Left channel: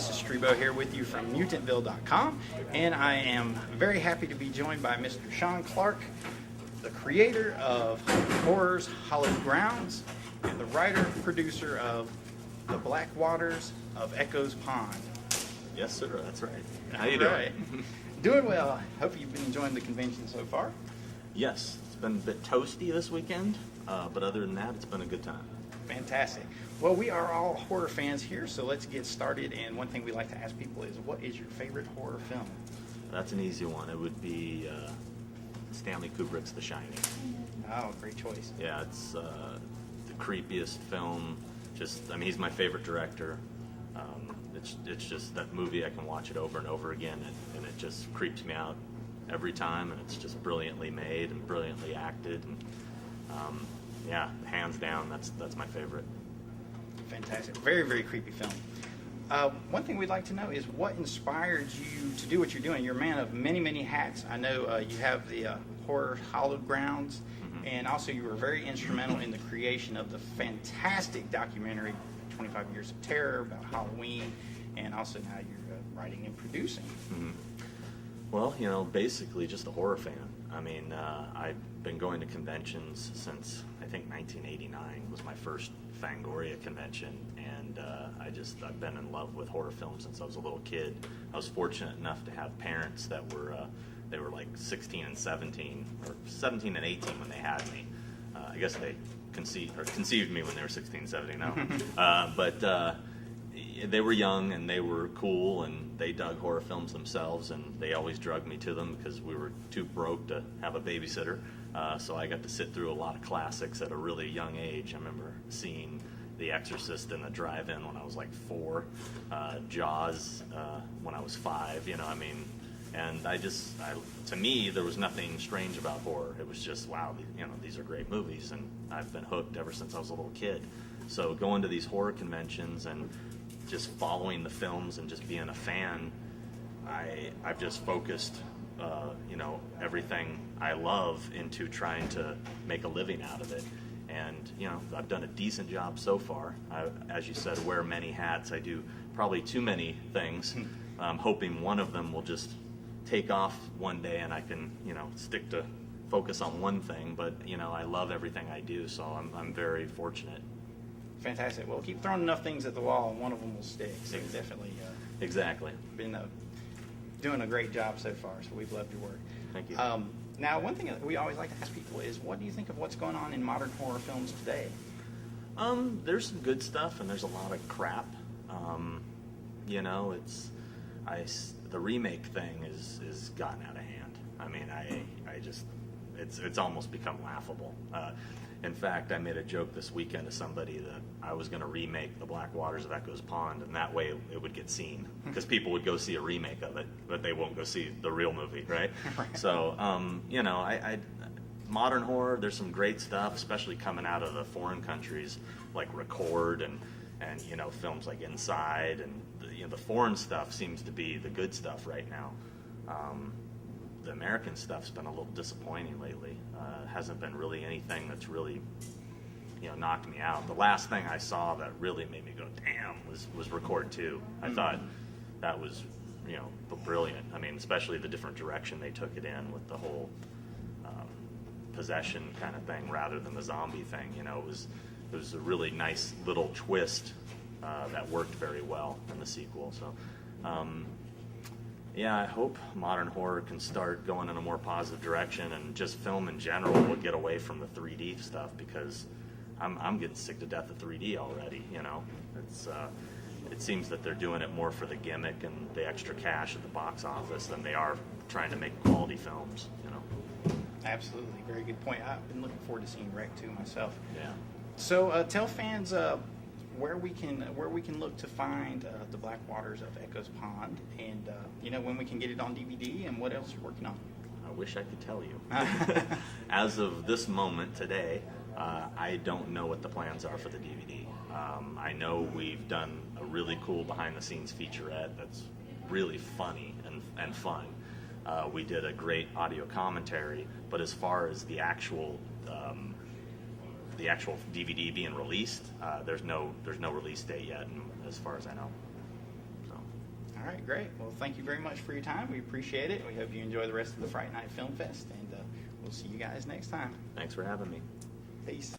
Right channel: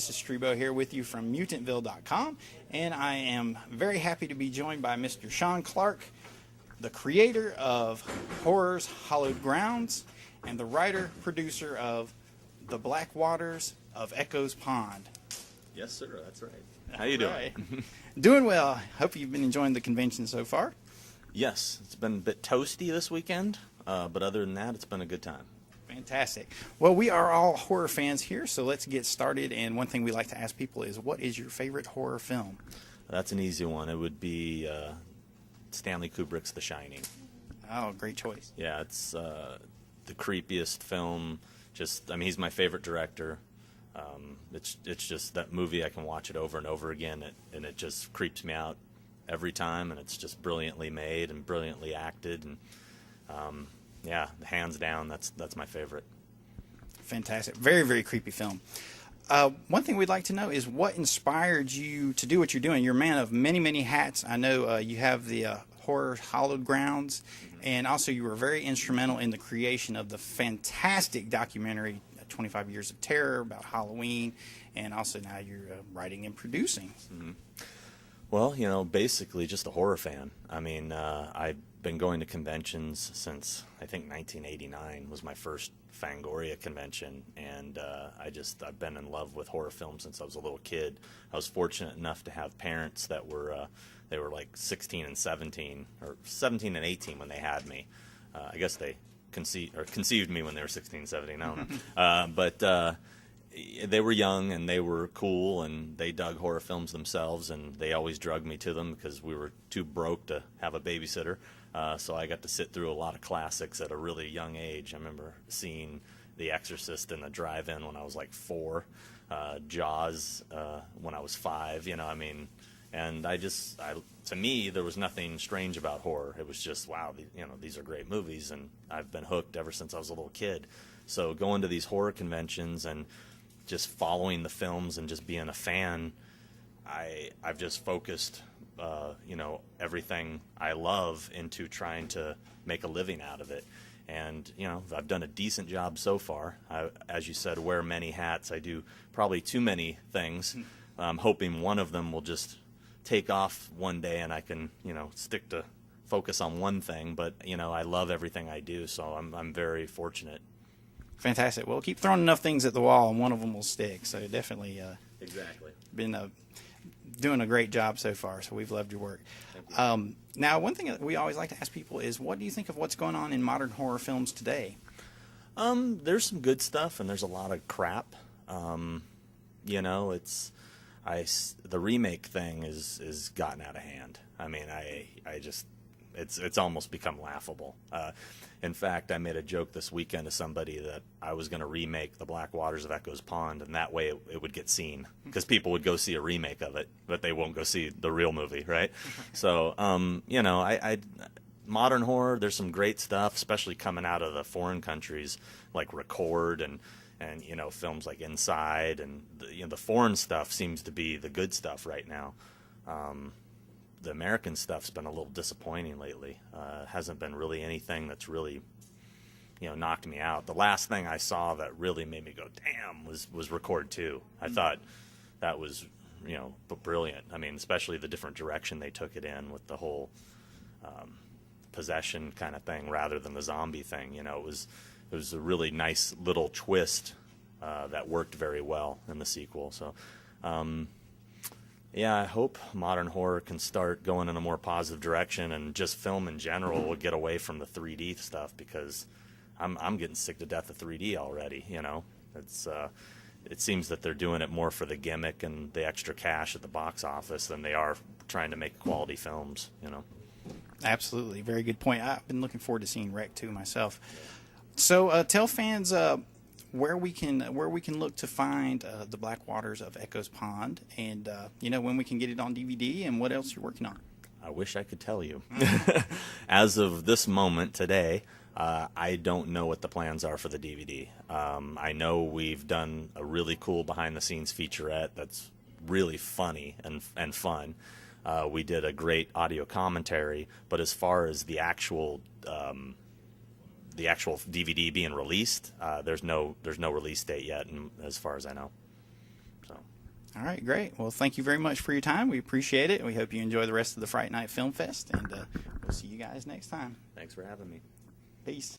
This is Strebo here with you from mutantville.com, and I am very happy to be joined by Mr. Sean Clark, the creator of Horror's Hallowed Grounds and the writer-producer of The Black Waters of Echo's Pond. Yes, sir, that's right. How you doing? Doing well. Hope you've been enjoying the convention so far. Yes, it's been a bit toasty this weekend, but other than that, it's been a good time. Fantastic. Well, we are all horror fans here, so let's get started. And one thing we like to ask people is, what is your favorite horror film? That's an easy one. It would be Stanley Kubrick's The Shining. Oh, great choice. Yeah, it's the creepiest film. He's my favorite director. It's just that movie, I can watch it over and over again, and it just creeps me out every time, and it's just brilliantly made and brilliantly acted, and yeah, hands down, that's my favorite. Fantastic. Very, very creepy film. One thing we'd like to know is what inspired you to do what you're doing. You're a man of many, many hats. I know you have the Horror Hallowed Grounds, and also you were very instrumental in the creation of the fantastic documentary 25 Years of Terror about Halloween, and also now you're writing and producing. Mm-hmm. Well, basically just a horror fan. I've been going to conventions since, I think, 1989 was my first Fangoria convention, and I've been in love with horror films since I was a little kid. I was fortunate enough to have parents that were, they were like 16 and 17, or 17 and 18 when they had me. I guess they conceived me when they were 16, 17 now. But they were young and they were cool and they dug horror films themselves, and they always drugged me to them because we were too broke to have a babysitter. So I got to sit through a lot of classics at a really young age. I remember seeing The Exorcist in the drive-in when I was like 4, Jaws when I was 5, and to me, there was nothing strange about horror. It was just, wow, these are great movies, and I've been hooked ever since I was a little kid. So going to these horror conventions and just following the films and just being a fan, I've just focused, everything I love into trying to make a living out of it. And, I've done a decent job so far. As you said, wear many hats. I do probably too many things. I'm hoping one of them will just take off one day and I can, stick to focus on one thing. But, I love everything I do, so I'm very fortunate. Fantastic. Well, keep throwing enough things at the wall and one of them will stick. So definitely exactly been doing a great job so far, so we've loved your work. Thank you. Now, one thing that we always like to ask people is, what do you think of what's going on in modern horror films today? There's some good stuff and there's a lot of crap. The remake thing is gotten out of hand. It's almost become laughable. In fact, I made a joke this weekend to somebody that I was going to remake The Black Waters of Echo's Pond, and that way it would get seen. Because people would go see a remake of it, but they won't go see the real movie, right? So, modern horror, there's some great stuff, especially coming out of the foreign countries, like Record and films like Inside, and the foreign stuff seems to be the good stuff right now. The American stuff's been a little disappointing lately. Hasn't been really anything that's really, knocked me out. The last thing I saw that really made me go, damn, was Record 2. I thought that was, brilliant. Especially the different direction they took it in with the whole possession kind of thing rather than the zombie thing. It was a really nice little twist that worked very well in the sequel. So, yeah, I hope modern horror can start going in a more positive direction, and just film in general would get away from the 3D stuff, because I'm getting sick to death of 3D already. It seems that they're doing it more for the gimmick and the extra cash at the box office than they are trying to make quality films. Absolutely, very good point. I've been looking forward to seeing Rec 2 myself. Yeah. So tell fans where we can look to find The Black Waters of Echo's Pond, and when we can get it on DVD, and what else you're working on. I wish I could tell you. As of this moment today, I don't know what the plans are for the DVD. I know we've done a really cool behind-the-scenes featurette that's really funny and fun. We did a great audio commentary, but as far as the actual DVD being released, there's no release date yet, as far as I know. So All right, great. Well, thank you very much for your time. We appreciate it. We hope you enjoy the rest of the Fright Night Film Fest, and we'll see you guys next time. Thanks for having me. Peace.